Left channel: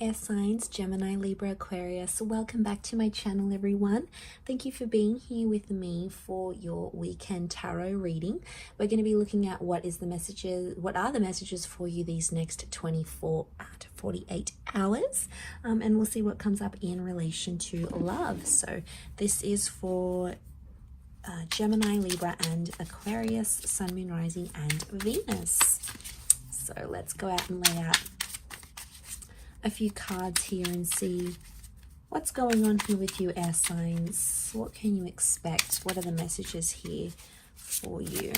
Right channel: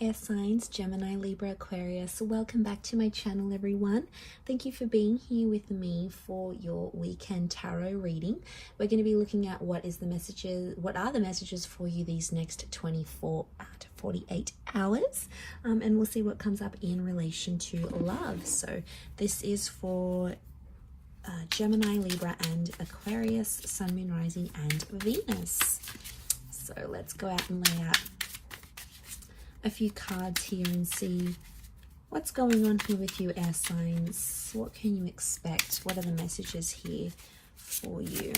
air signs, Gemini, Libra, Aquarius. Welcome back to my channel, everyone. Thank you for being here with me for your weekend tarot reading. We're going to be looking at what are the messages for you these next 24 to 48 hours, and we'll see what comes up in relation to love. So this is for Gemini, Libra, and Aquarius, Sun, Moon, Rising, and Venus. So let's go out and lay out a few cards here and see what's going on here with you, air signs. What can you expect? What are the messages here for you?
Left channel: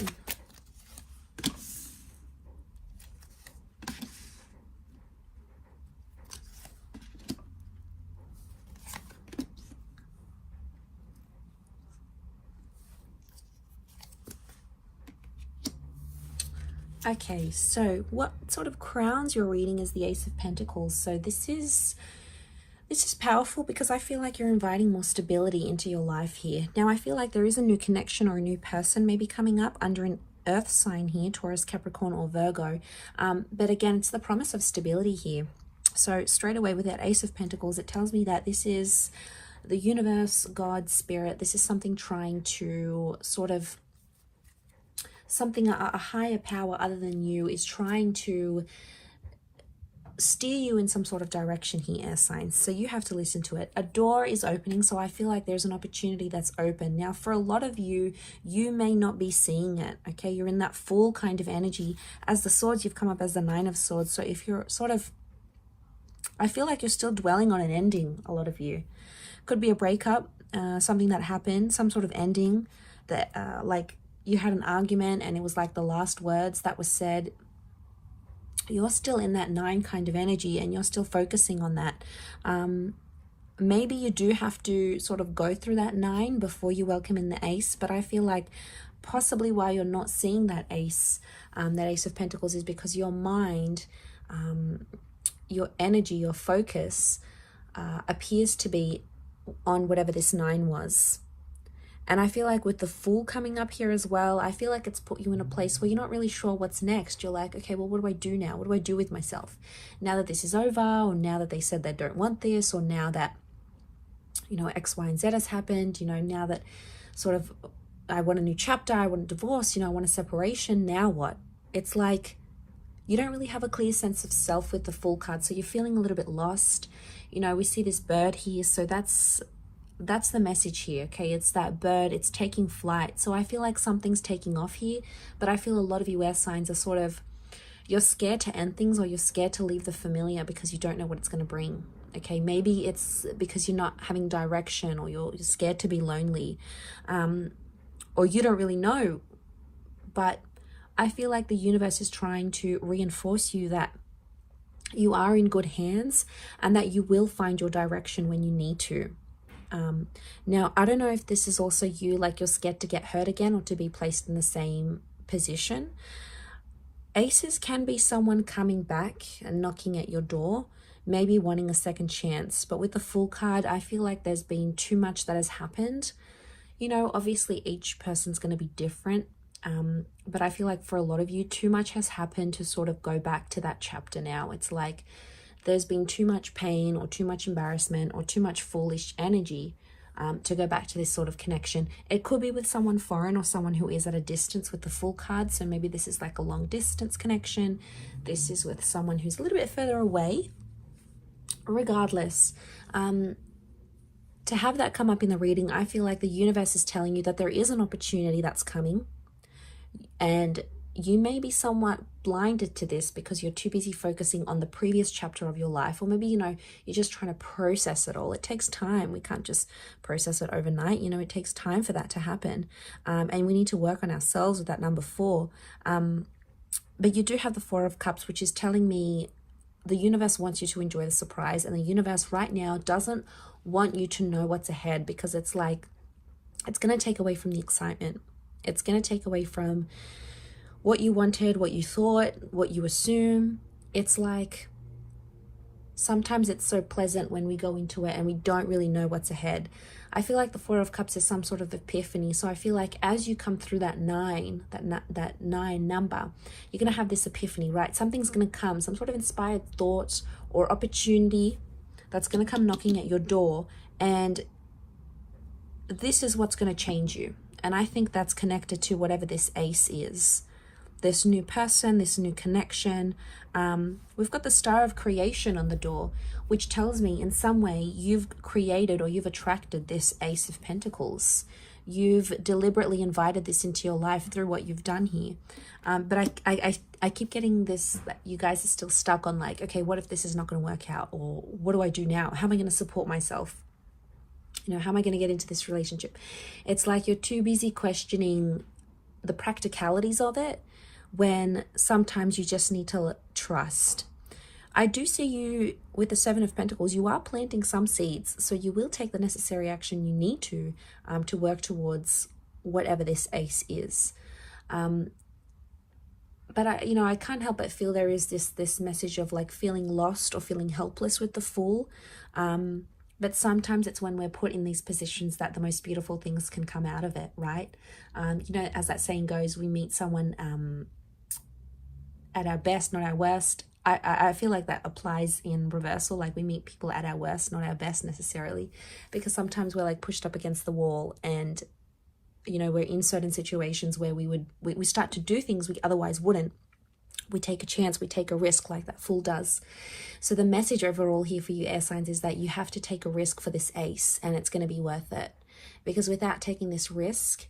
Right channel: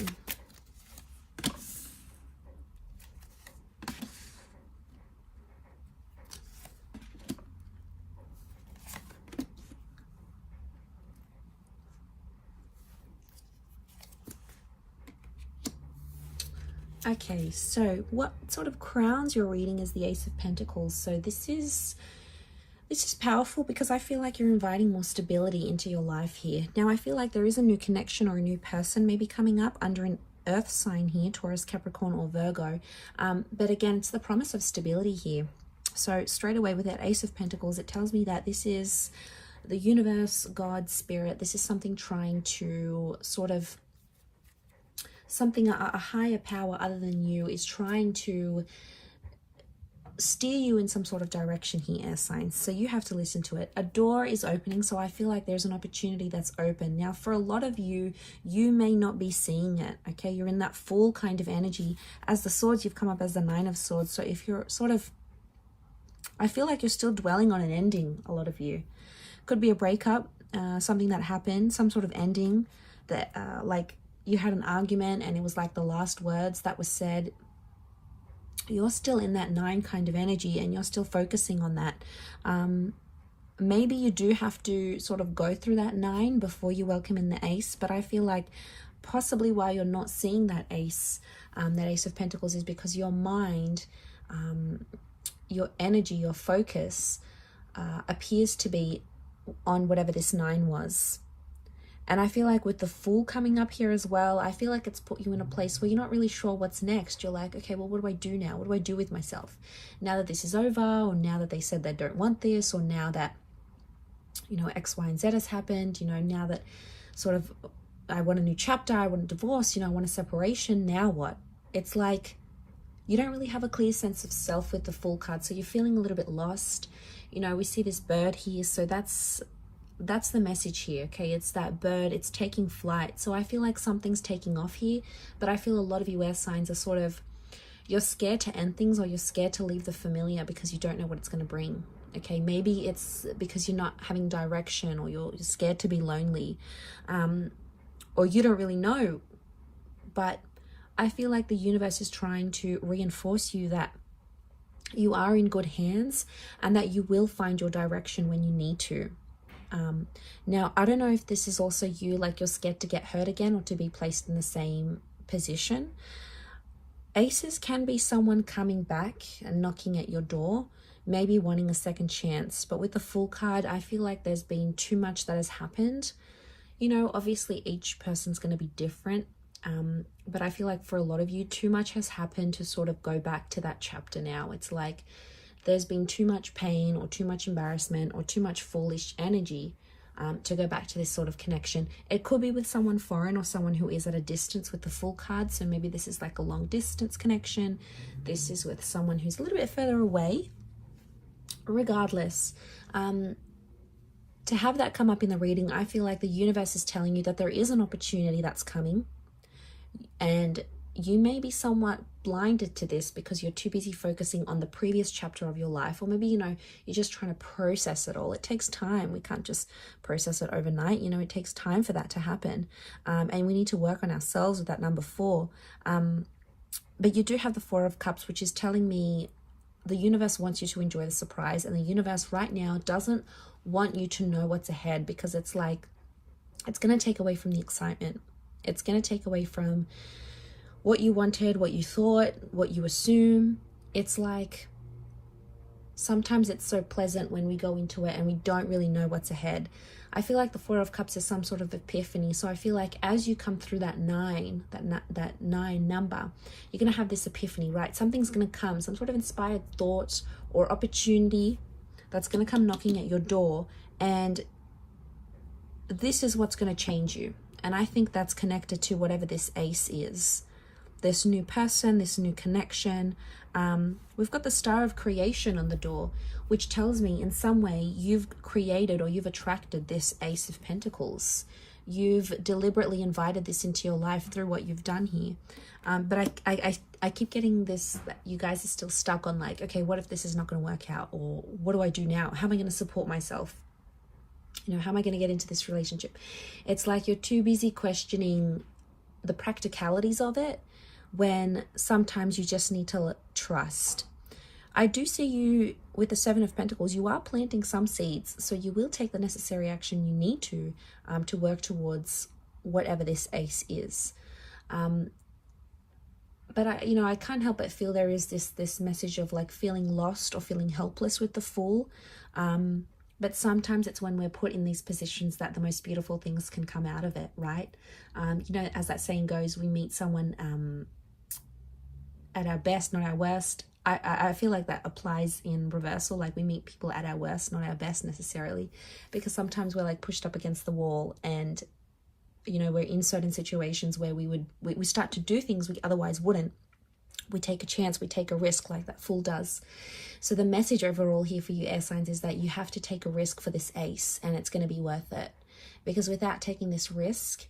Okay, so what sort of crowns your reading is the Ace of Pentacles. So this is powerful because I feel like you're inviting more stability into your life here. Now, I feel like there is a new connection or a new person maybe coming up under an earth sign here, Taurus, Capricorn, or Virgo. But again, it's the promise of stability here. So straight away with that Ace of Pentacles, it tells me that this is the universe, God, spirit. This is something trying to sort of a higher power other than you is trying to steer you in some sort of direction here, air signs. So you have to listen to it. A door is opening, so I feel like there's an opportunity that's open. Now, for a lot of you, you may not be seeing it, okay? You're in that full kind of energy. As the swords, you've come up as the Nine of Swords. So if you're sort of, I feel like you're still dwelling on an ending, a lot of you. Could be a breakup, something that happened, some sort of ending that, like, you had an argument and it was like the last words that was said. You're still in that 9 kind of energy and you're still focusing on that. Maybe you do have to sort of go through that 9 before you welcome in the Ace, but I feel like possibly why you're not seeing that Ace of Pentacles is because your mind, your energy, your focus appears to be on whatever this 9 was. And I feel like with the Fool coming up here as well, I feel like it's put you in a place where you're not really sure what's next. You're like, okay, well, what do I do now? What do I do with myself? Now that this is over, or now that they said they don't want this, or now that, you know, X, Y, and Z has happened, you know, now that sort of I want a new chapter, I want a divorce, you know, I want a separation, now what? It's like you don't really have a clear sense of self with the Fool card, so you're feeling a little bit lost. You know, we see this bird here, so that's the message here, okay? It's that bird, it's taking flight. So I feel like something's taking off here, but I feel a lot of you air signs are sort of, you're scared to end things, or you're scared to leave the familiar because you don't know what it's going to bring, okay? Maybe it's because you're not having direction, or you're scared to be lonely, or you don't really know. But I feel like the universe is trying to reinforce you that you are in good hands and that you will find your direction when you need to. Now, I don't know if this is also you, like you're scared to get hurt again or to be placed in the same position. Aces can be someone coming back and knocking at your door, maybe wanting a second chance. But with the Fool card, I feel like there's been too much that has happened. You know, obviously each person's going to be different. But I feel like for a lot of you, too much has happened to sort of go back to that chapter now. It's like there's been too much pain or too much embarrassment or too much foolish energy to go back to this sort of connection. It could be with someone foreign or someone who is at a distance with the Fool card. So maybe this is like a long distance connection. This is with someone who's a little bit further away. Regardless, to have that come up in the reading, I feel like the universe is telling you that there is an opportunity that's coming. And you may be somewhat blinded to this because you're too busy focusing on the previous chapter of your life, or maybe, you know, you're just trying to process it all. It takes time. We can't just process it overnight. You know, it takes time for that to happen. And we need to work on ourselves with that number 4. But you do have the 4 of Cups, which is telling me the universe wants you to enjoy the surprise. And the universe right now doesn't want you to know what's ahead, because it's like, it's going to take away from the excitement. It's going to take away from what you wanted, what you thought, what you assume. It's like sometimes it's so pleasant when we go into it and we don't really know what's ahead. I feel like the Four of Cups is some sort of epiphany. So I feel like as you come through that 9, that 9 number, you're going to have this epiphany, right? Something's going to come, some sort of inspired thought or opportunity that's going to come knocking at your door, and this is what's going to change you. And I think that's connected to whatever this ace is, this new person, this new connection. We've got the Star of Creation on the door, which tells me in some way you've created or you've attracted this Ace of Pentacles. You've deliberately invited this into your life through what you've done here. But I keep getting this, that you guys are still stuck on like, okay, what if this is not going to work out? Or what do I do now? How am I going to support myself? You know, how am I going to get into this relationship? It's like you're too busy questioning the practicalities of it, when sometimes you just need to trust. I do see you with the Seven of Pentacles. You are planting some seeds, so you will take the necessary action you need to work towards whatever this ace is. But I can't help but feel there is this message of like feeling lost or feeling helpless with the Fool. But sometimes it's when we're put in these positions that the most beautiful things can come out of it, right? As that saying goes, we meet someone at our best, not our worst. I feel like that applies in reversal. Like we meet people at our worst, not our best necessarily, because sometimes we're like pushed up against the wall, and we're in certain situations where we start to do things we otherwise wouldn't. We take a chance, we take a risk like that Fool does. So the message overall here for you air signs is that you have to take a risk for this ace, and it's going to be worth it, because without taking this risk,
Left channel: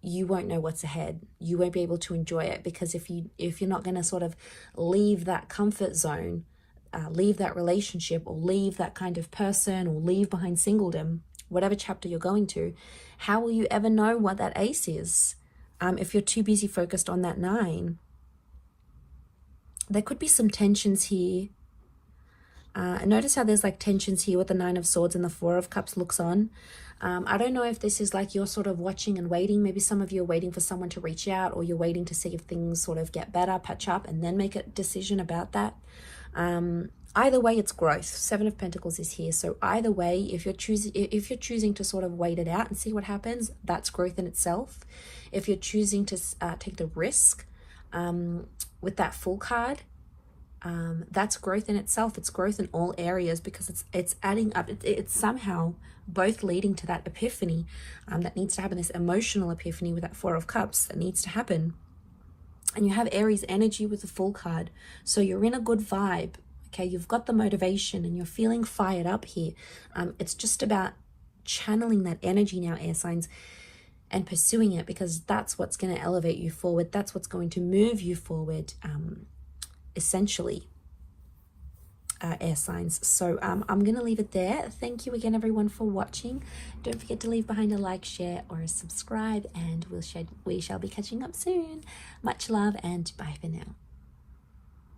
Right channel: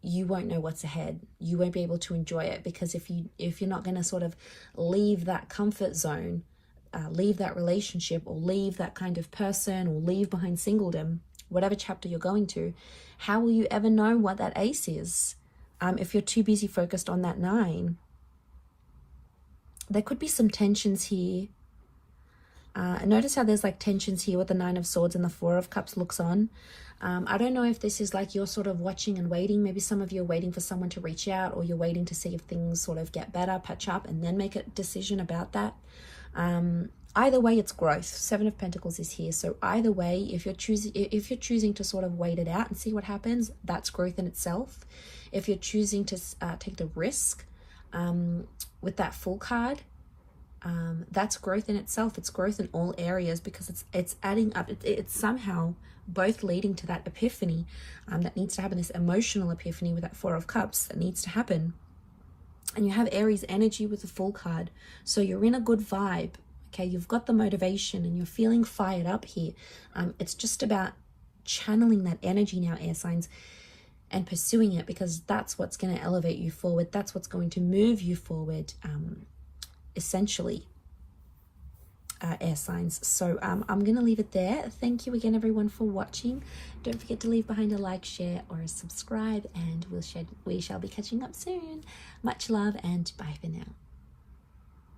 you won't know what's ahead. You won't be able to enjoy it, because if you're not going to sort of leave that comfort zone, leave that relationship, or leave that kind of person, or leave behind singledom, whatever chapter you're going to, how will you ever know what that ace is if you're too busy focused on that 9? There could be some tensions here. Notice how there's like tensions here with the 9 of Swords and the 4 of Cups looks on. I don't know if this is like you're sort of watching and waiting. Maybe some of you are waiting for someone to reach out, or you're waiting to see if things sort of get better, patch up, and then make a decision about that. Either way, it's growth. 7 of Pentacles is here. So either way, if you're choosing to sort of wait it out and see what happens, that's growth in itself. If you're choosing to take the risk with that Fool card, that's growth in itself. It's growth in all areas, because it's adding up. It's somehow both leading to that epiphany that needs to happen, this emotional epiphany with that 4 of Cups that needs to happen. And you have Aries energy with the Fool card, so you're in a good vibe. Okay, you've got the motivation and you're feeling fired up here. It's just about channeling that energy now, air signs, and pursuing it, because that's what's going to elevate you forward. That's what's going to move you forward, essentially, air signs. So I'm going to leave it there. Thank you again, everyone, for watching. Don't forget to leave behind a like, share, or a subscribe, and we shall be catching up soon. Much love, and bye for now.